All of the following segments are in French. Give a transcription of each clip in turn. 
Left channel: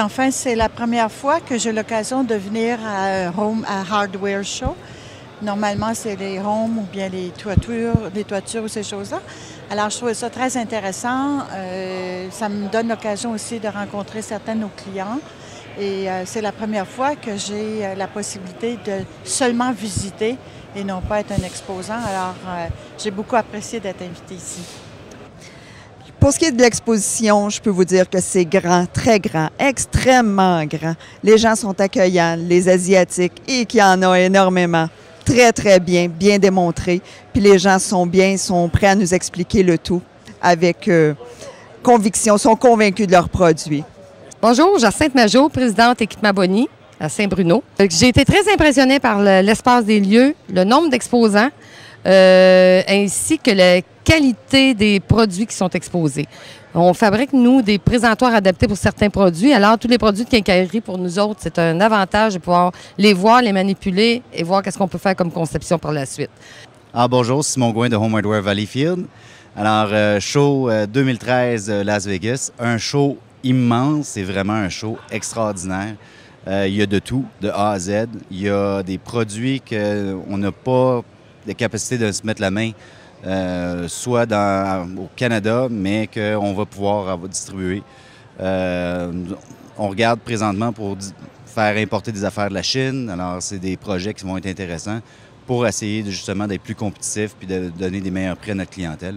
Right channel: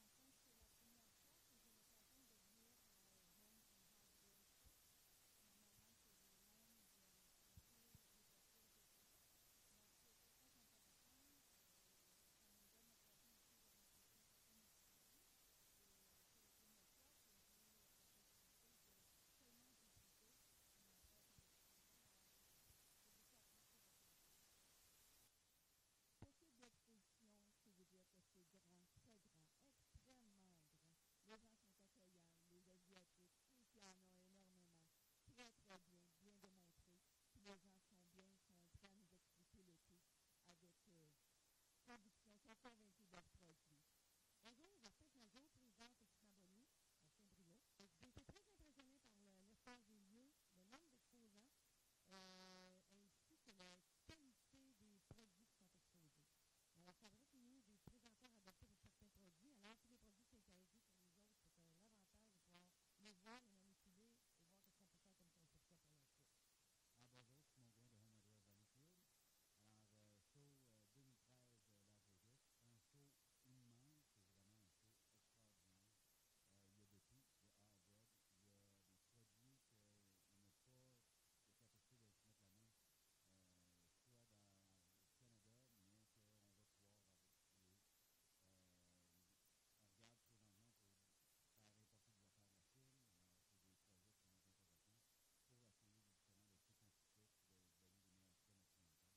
Puis enfin, c'est la première fois que j'ai l'occasion de venir à Hardware Show. Normalement, c'est les homes ou bien les toitures ou ces choses-là. Alors, je trouvais ça très intéressant. Ça me donne l'occasion aussi de rencontrer certains de nos clients. Et c'est la première fois que j'ai la possibilité de seulement visiter et non pas être un exposant. Alors, j'ai beaucoup apprécié d'être invitée ici. Pour ce qui est de l'exposition, je peux vous dire que c'est grand, très grand, extrêmement grand. Les gens sont accueillants, les Asiatiques, et qu'il y en a énormément. Très, très bien, bien démontré. Puis les gens sont prêts à nous expliquer le tout avec conviction, sont convaincus de leurs produits. Bonjour, Jacinthe Majot, présidente Équipement Bonny à Saint-Bruno. J'ai été très impressionnée par l'espace des lieux, le nombre d'exposants, ainsi que la qualité des produits qui sont exposés. On fabrique, nous, des présentoirs adaptés pour certains produits. Alors, tous les produits de quincaillerie, pour nous autres, c'est un avantage de pouvoir les voir, les manipuler et voir qu'est-ce qu'on peut faire comme conception par la suite. Bonjour, Simon Gouin de Home Hardware Valleyfield. Alors, show 2013 Las Vegas, un show immense, c'est vraiment un show extraordinaire. Il y a de tout, de A à Z. Il y a des produits qu'on n'a pas la capacité de se mettre la main, soit au Canada, mais qu'on va pouvoir distribuer. On regarde présentement pour faire importer des affaires de la Chine. Alors, c'est des projets qui vont être intéressants pour essayer justement d'être plus compétitifs puis de donner des meilleurs prix à notre clientèle.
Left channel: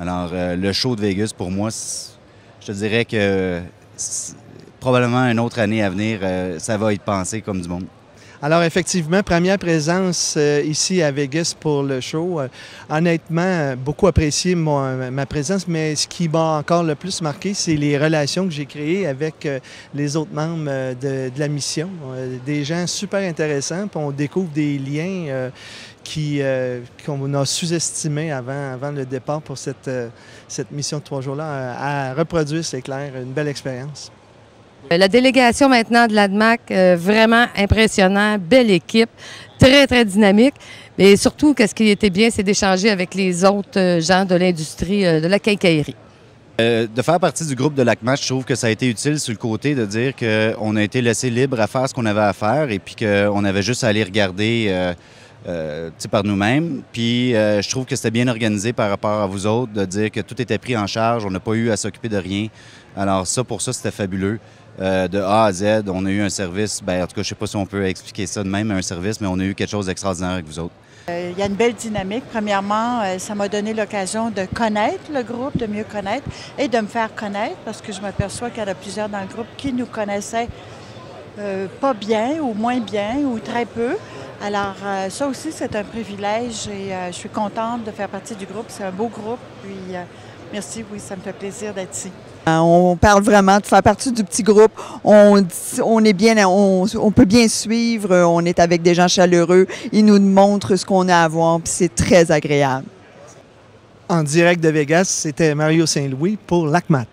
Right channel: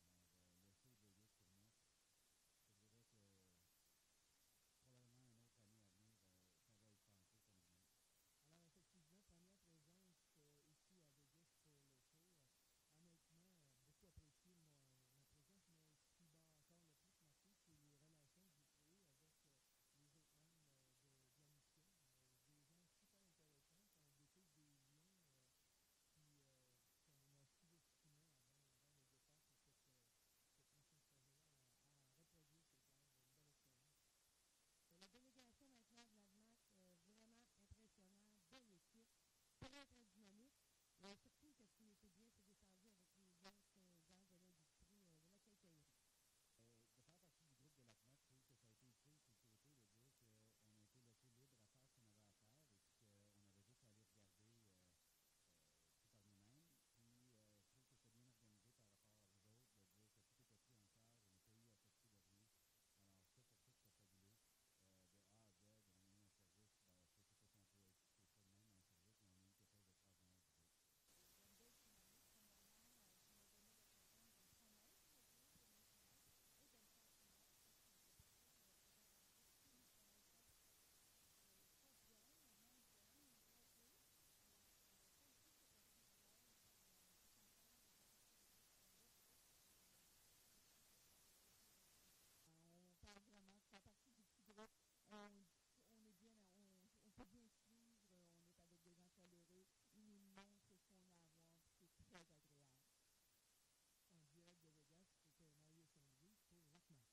Alors, le show de Vegas, pour moi, je te dirais que probablement une autre année à venir, ça va être pensé comme du monde. Alors effectivement, première présence ici à Vegas pour le show. Honnêtement, beaucoup apprécié ma présence, mais ce qui m'a encore le plus marqué, c'est les relations que j'ai créées avec les autres membres de la mission. Des gens super intéressants, puis on découvre des liens qu'on a sous-estimés avant le départ pour cette mission de 3 jours-là à reproduire, c'est clair, une belle expérience. La délégation maintenant de l'ADMAC, vraiment impressionnant, belle équipe, très, très dynamique. Mais surtout, ce qui était bien, c'est d'échanger avec les autres gens de l'industrie de la quincaillerie. De faire partie du groupe de l'ACMAC, je trouve que ça a été utile sur le côté de dire qu'on a été laissé libre à faire ce qu'on avait à faire et puis qu'on avait juste à aller regarder par nous-mêmes. Puis je trouve que c'était bien organisé par rapport à vous autres, de dire que tout était pris en charge, on n'a pas eu à s'occuper de rien. Alors pour ça, c'était fabuleux. De A à Z, on a eu un service, en tout cas, je ne sais pas si on peut expliquer ça de même, un service, mais on a eu quelque chose d'extraordinaire avec vous autres. Il y a une belle dynamique. Premièrement, ça m'a donné l'occasion de connaître le groupe, de mieux connaître et de me faire connaître parce que je m'aperçois qu'il y en a plusieurs dans le groupe qui nous connaissaient pas bien ou moins bien ou très peu. Alors, ça aussi, c'est un privilège et je suis contente de faire partie du groupe. C'est un beau groupe. Puis, merci, oui, ça me fait plaisir d'être ici. On parle vraiment de faire partie du petit groupe. On peut bien suivre. On est avec des gens chaleureux. Ils nous montrent ce qu'on a à voir, puis c'est très agréable. En direct de Vegas, c'était Mario Saint-Louis pour l'ACMAT.